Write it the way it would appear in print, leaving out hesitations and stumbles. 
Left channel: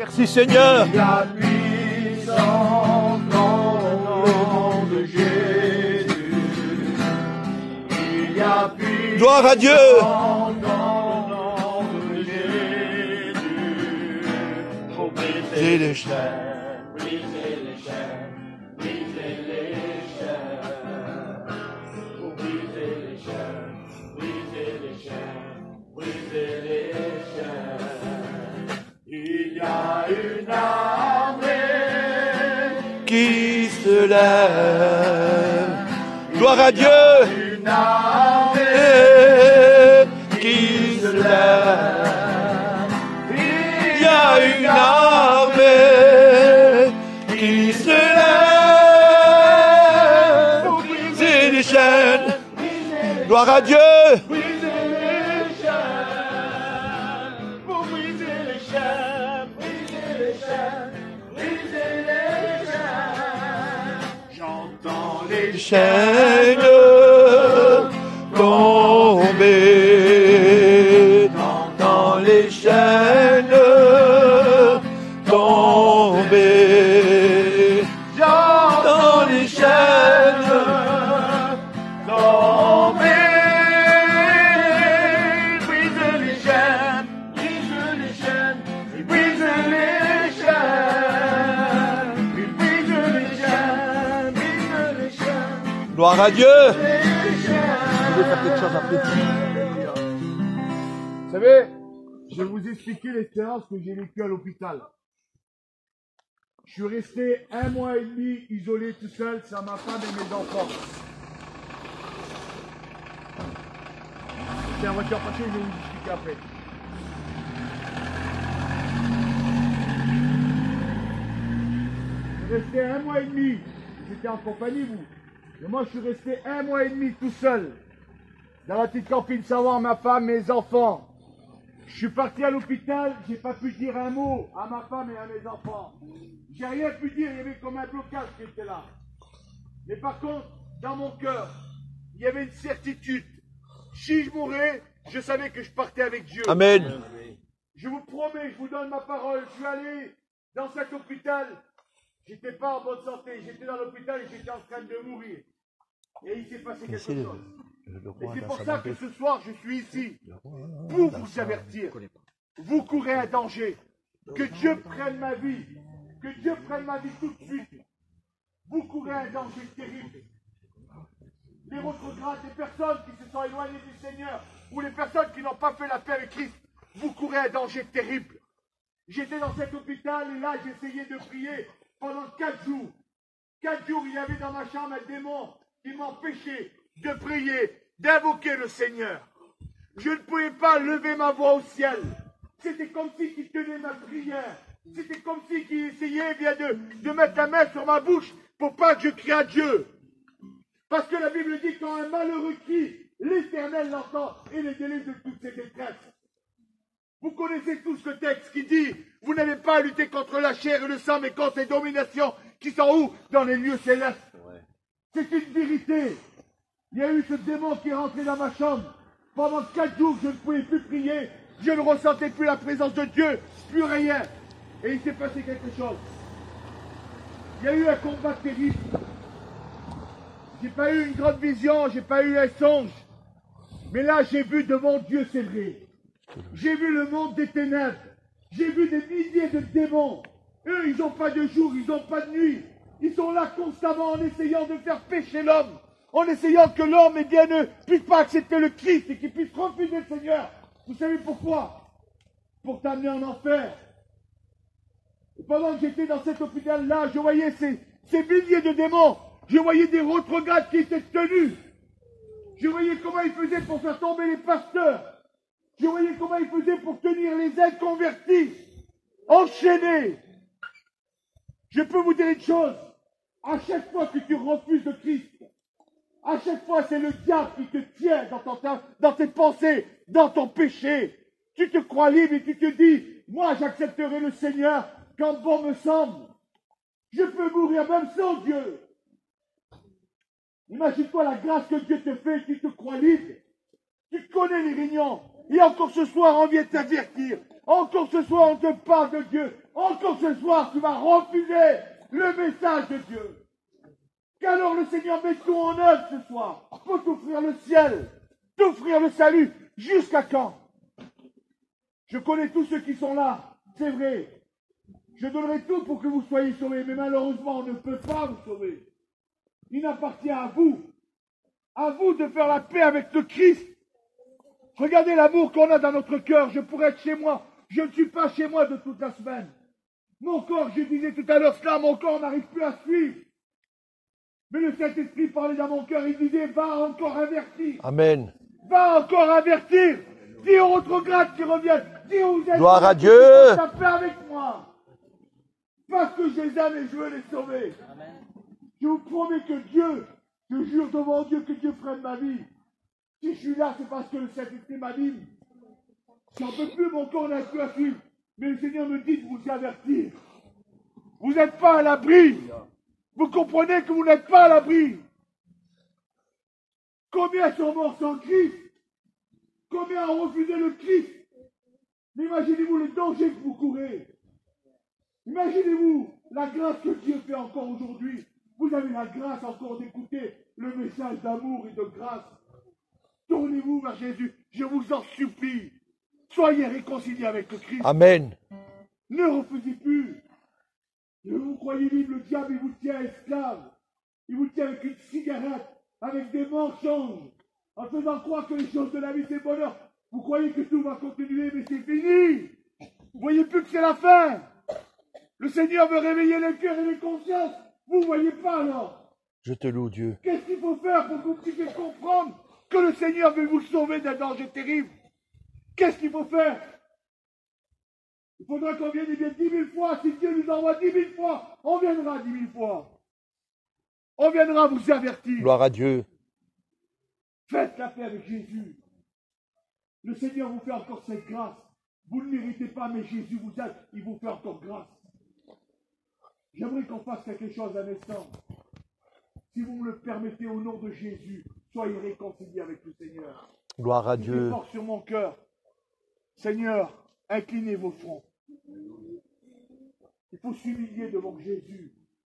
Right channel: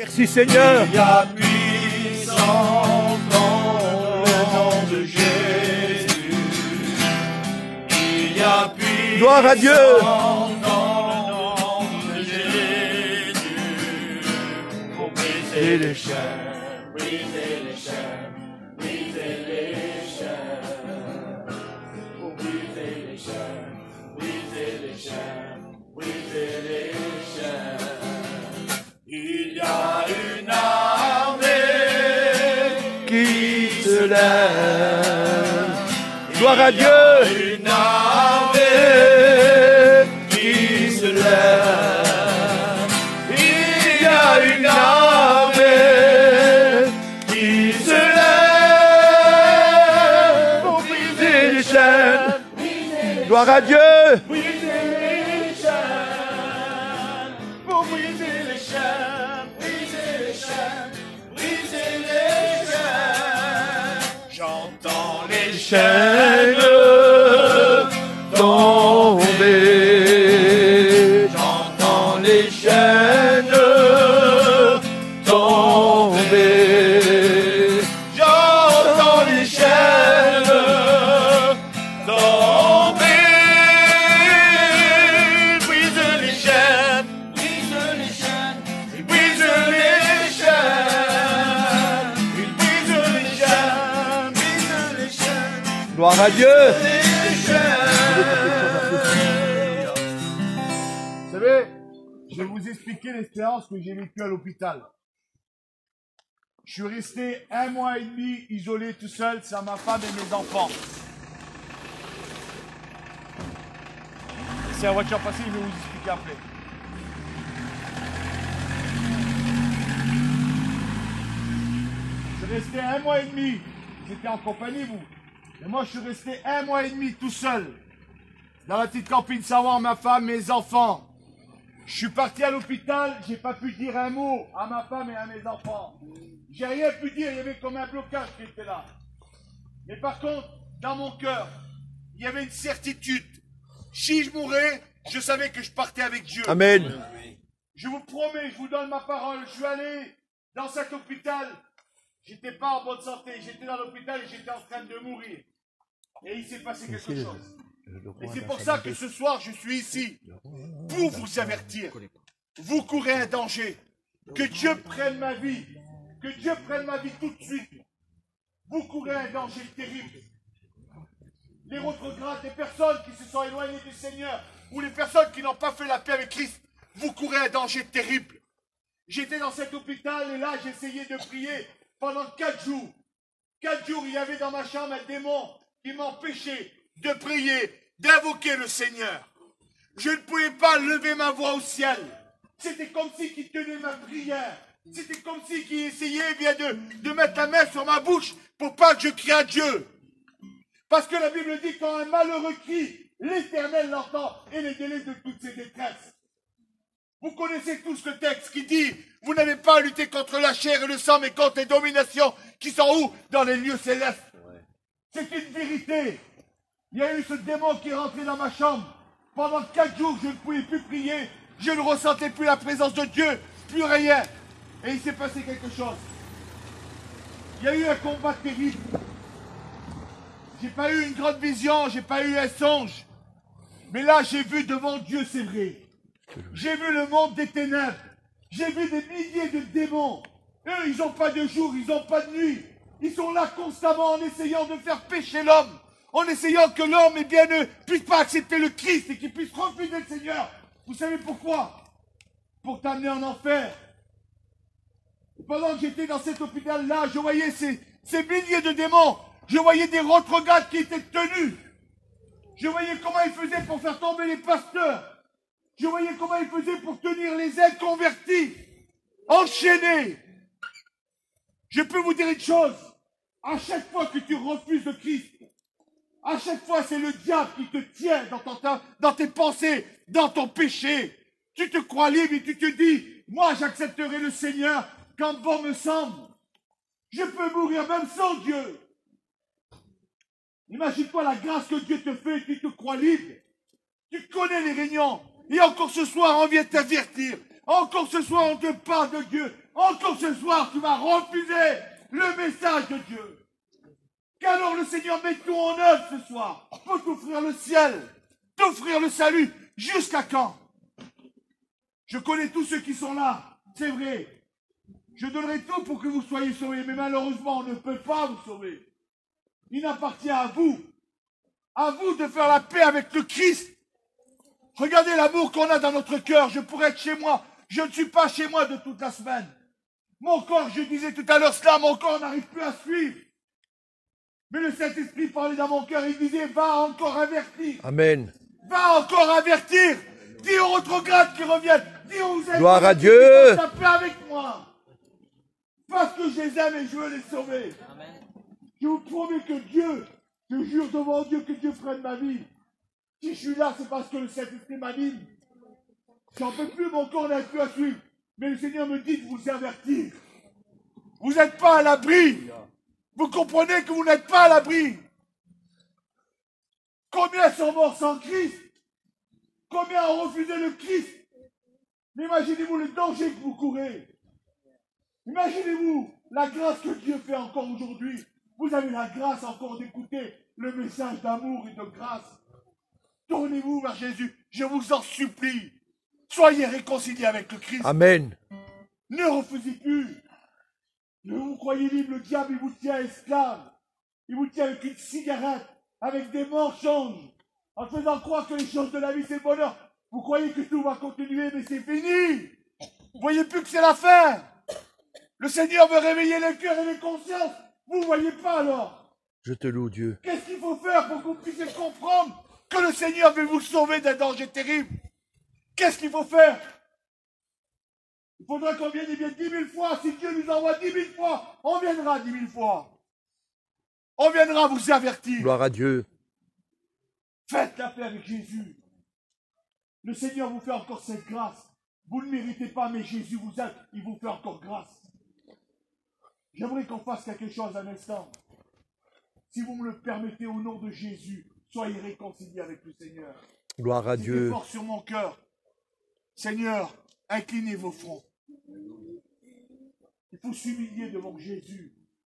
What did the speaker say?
Merci Seigneur. Il y a puissance dans le nom de Jésus. Il y a puissance Gloire à Dieu. dans le nom de Jésus. Pour briser les chaînes, briser les chaînes, briser les chaînes. Pour briser les chaînes, briser les chaînes, briser les chaînes. Il y a une armée Qui se lève. Gloire à Dieu. une armée Qui se lève. Il y a une armée qui se lève pour briser les chaînes. Gloire à Dieu. briser les chaînes, pour briser les chaînes, briser les chaînes, briser les chaînes. J'entends les Chaînes tomber. J'entends les chaînes tomber. J'entends les chaînes tomber, brise les chaînes, brise les chaînes, il brise les chaînes, il brise les chaînes, brise les chaînes. Gloire à Dieu. Vous savez, je vais vous expliquer l'expérience que j'ai vécue à l'hôpital. Je suis resté 1 mois et demi isolé tout seul, sans ma femme et mes enfants. C'est la voiture passée, je vais vous expliquer après. Je suis resté 1 mois et demi. Vous étiez en compagnie, vous. Mais moi, je suis resté 1 mois et demi tout seul. Dans la petite campine Savoie, ma femme, mes enfants. Je suis parti à l'hôpital, j'ai pas pu dire un mot à ma femme et à mes enfants. J'ai rien pu dire, il y avait comme un blocage qui était là. Mais par contre, dans mon cœur, il y avait une certitude. Si je mourais, je savais que je partais avec Dieu. Amen. Je vous promets, je vous donne ma parole. Je suis allé dans cet hôpital. J'étais pas en bonne santé. J'étais dans l'hôpital et j'étais en train de mourir. Et il s'est passé quelque chose. Et c'est pour ça que ce soir, je suis ici. Pour vous avertir. Vous courez un danger. Que Dieu prenne ma vie. Que Dieu prenne ma vie tout de suite. Vous courez un danger terrible. Les retrogrades, les personnes qui se sont éloignées du Seigneur, ou les personnes qui n'ont pas fait la paix avec Christ, vous courez un danger terrible. J'étais dans cet hôpital et là, j'essayais de prier pendant 4 jours. 4 jours, il y avait dans ma chambre un démon qui m'empêchait de prier, d'invoquer le Seigneur. Je ne pouvais pas lever ma voix au ciel. C'était comme si il tenait ma prière. C'était comme si il essayait bien de mettre la main sur ma bouche pour pas que je crie à Dieu. Parce que la Bible dit quand un malheureux crie, l'Éternel l'entend et les délivre de toutes ses détresses. Vous connaissez tous le texte qui dit, vous n'avez pas à lutter contre la chair et le sang, mais contre les dominations qui sont où? Dans les lieux célestes. Ouais. C'est une vérité. Il y a eu ce démon qui est rentré dans ma chambre. Pendant 4 jours, je ne pouvais plus prier. Je ne ressentais plus la présence de Dieu, plus rien. Et il s'est passé quelque chose. Il y a eu un combat terrible. J'ai pas eu une grande vision, j'ai pas eu un songe. Mais là, j'ai vu devant Dieu, c'est vrai. J'ai vu le monde des ténèbres. J'ai vu des milliers de démons. Eux, ils n'ont pas de jour, ils n'ont pas de nuit. Ils sont là constamment en essayant de faire pécher l'homme. En essayant que l'homme, eh bien, ne puisse pas accepter le Christ et qu'il puisse refuser le Seigneur. Vous savez pourquoi? Pour t'amener en enfer. Et pendant que j'étais dans cet hôpital-là, je voyais ces milliers de démons. Je voyais des retrogrades qui étaient tenus. Je voyais comment ils faisaient pour faire tomber les pasteurs. Je voyais comment ils faisaient pour tenir les inconvertis. Enchaînés. Je peux vous dire une chose. À chaque fois que tu refuses le Christ, à chaque fois c'est le diable qui te tient dans tes pensées, dans ton péché. Tu te crois libre et tu te dis, moi j'accepterai le Seigneur quand bon me semble. Je peux mourir même sans Dieu. Imagine-toi la grâce que Dieu te fait, tu te crois libre. Tu connais les réunions. Et encore ce soir, on vient t'avertir. Encore ce soir, on te parle de Dieu. encore ce soir, tu vas refuser le message de Dieu. Qu'alors le Seigneur met tout en œuvre ce soir pour t'offrir le ciel, t'offrir le salut. Jusqu'à quand? Je connais tous ceux qui sont là, c'est vrai. Je donnerai tout pour que vous soyez sauvés, mais malheureusement, on ne peut pas vous sauver. Il appartient à vous de faire la paix avec le Christ. Regardez l'amour qu'on a dans notre cœur. Je pourrais être chez moi. Je ne suis pas chez moi de toute la semaine. Mon corps, je disais tout à l'heure cela, mon corps n'arrive plus à suivre. Mais le Saint-Esprit parlait dans mon cœur, il disait, va encore avertir. Amen. Va encore avertir. Dis aux rétrogrades qui reviennent. Dis aux êtres Gloire à qui Dieu. veulent la paix avec moi. Parce que je les aime et je veux les sauver. Amen. Je vous promets que Dieu, je jure devant Dieu que Dieu freine ma vie. Si je suis là, c'est parce que le Saint-Esprit m'anime. J'en peux plus, mon corps n'arrive plus à suivre. Mais le Seigneur me dit de vous avertir. Vous n'êtes pas à l'abri. Vous comprenez que vous n'êtes pas à l'abri. Combien sont morts sans Christ? Combien ont refusé le Christ? Mais imaginez-vous le danger que vous courez. Imaginez-vous la grâce que Dieu fait encore aujourd'hui. Vous avez la grâce encore d'écouter le message d'amour et de grâce. Tournez-vous vers Jésus. Je vous en supplie. Soyez réconciliés avec le Christ. Amen. Ne refusez plus. Ne vous croyez libre, le diable, il vous tient esclave. Il vous tient avec une cigarette, avec des mensonges, en faisant croire que les choses de la vie, c'est le bonheur. Vous croyez que tout va continuer, mais c'est fini. Vous voyez plus que c'est la fin. Le Seigneur veut réveiller les cœurs et les consciences. Vous ne voyez pas alors. Je te loue, Dieu. Qu'est-ce qu'il faut faire pour que vous puissiez comprendre que le Seigneur veut vous sauver d'un danger terrible? Qu'est-ce qu'il faut faire? Il faudra qu'on vienne 10 000 fois. Si Dieu nous envoie 10 000 fois, on viendra 10 000 fois. On viendra vous avertir. Gloire à Dieu. Faites la paix avec Jésus. Le Seigneur vous fait encore cette grâce. Vous ne méritez pas, mais Jésus vous aide. Il vous fait encore grâce. J'aimerais qu'on fasse quelque chose un instant. Si vous me le permettez, au nom de Jésus, soyez réconciliés avec le Seigneur. Gloire à C'est Dieu. fort sur mon cœur. Seigneur, inclinez vos fronts. Il faut s'humilier devant Jésus.